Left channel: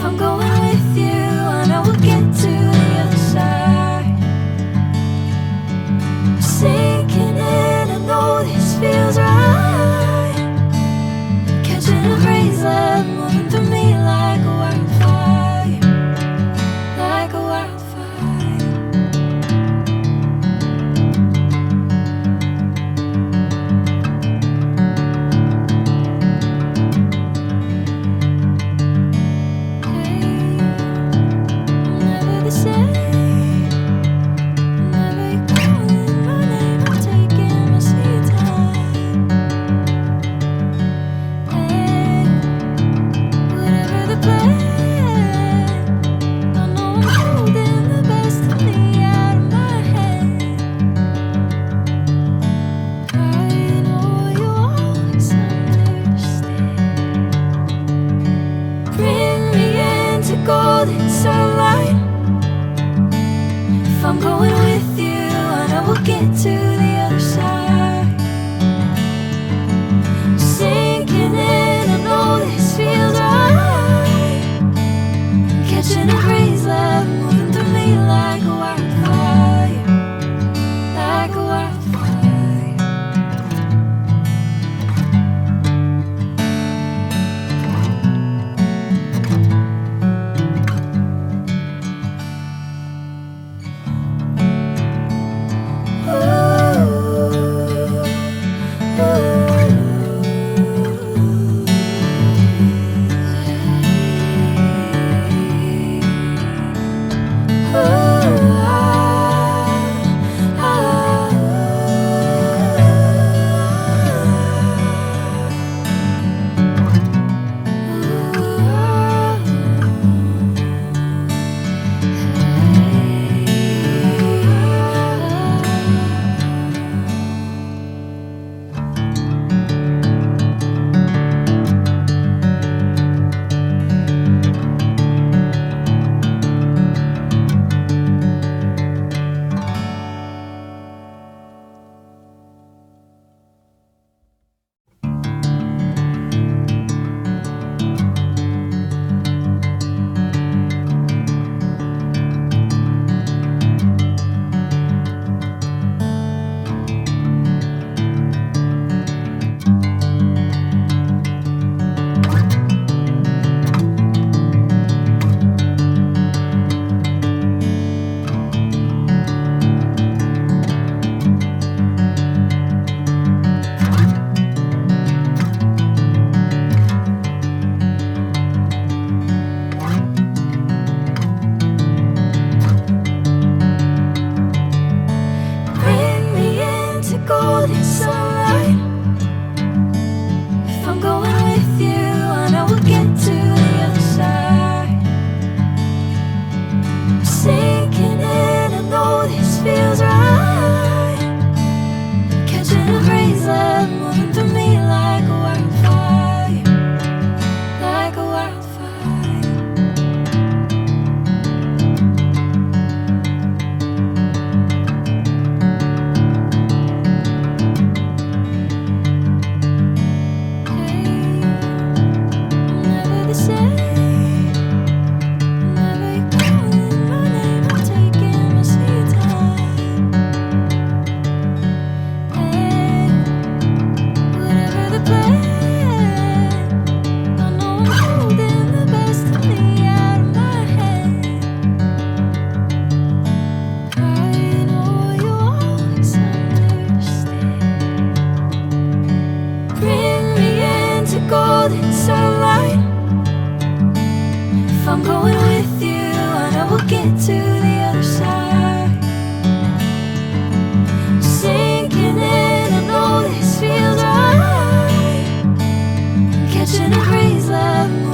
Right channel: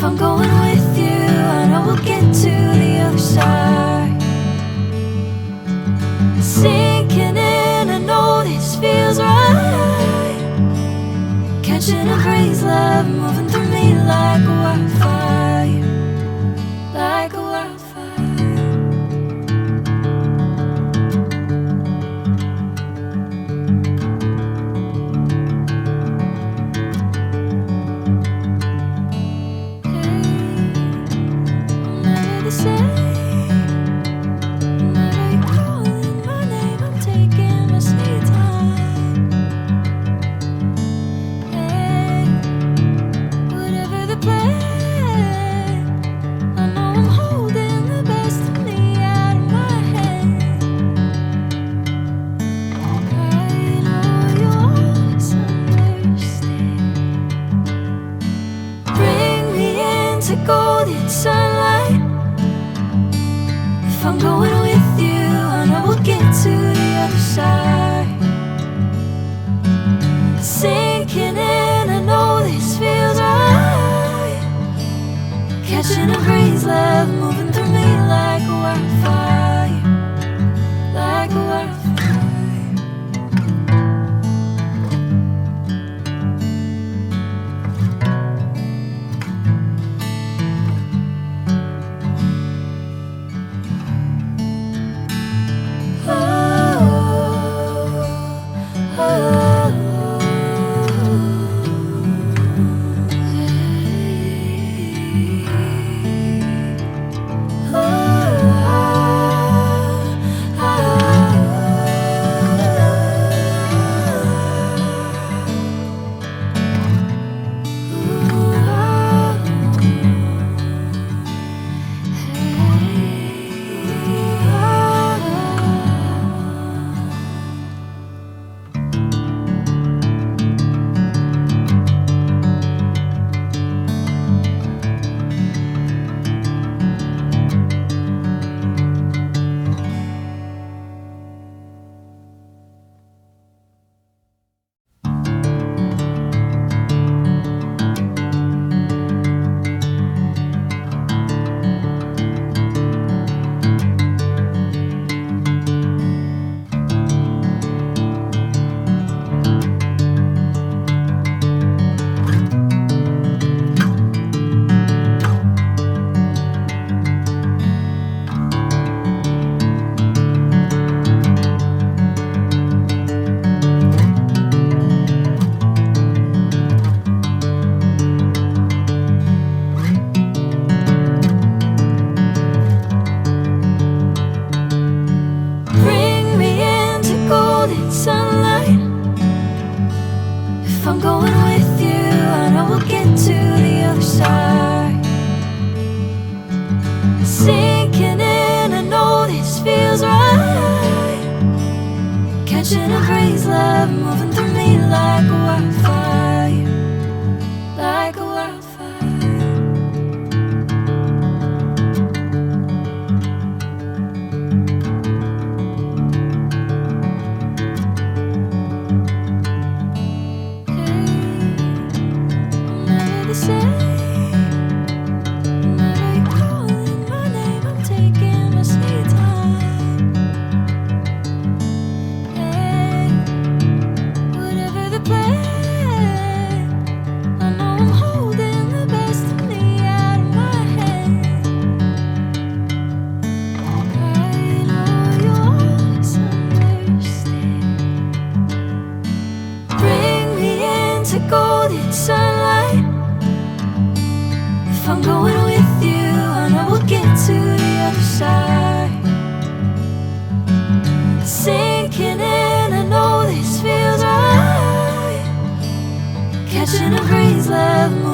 If I'm going with you, I know we'll get to the other side. Sinking in, I know this feels right. Catching a crazy love, moving through me like a wildfire, like a wildfire. Golden sunlight. If I'm going with you, I know we'll get to the other side. Sinking in, I know this feels right. Catching a crazy love, moving through me like a wildfire, like a wildfire. Sinking in, I know this feels right. Catching a crazy love, moving through me like a wildfire, like a wildfire. Hey, I'm never the same. Golden sunlight. If I'm going with you, I know we'll get to the other side. Sinking in, I know this feels right. Catching a crazy love.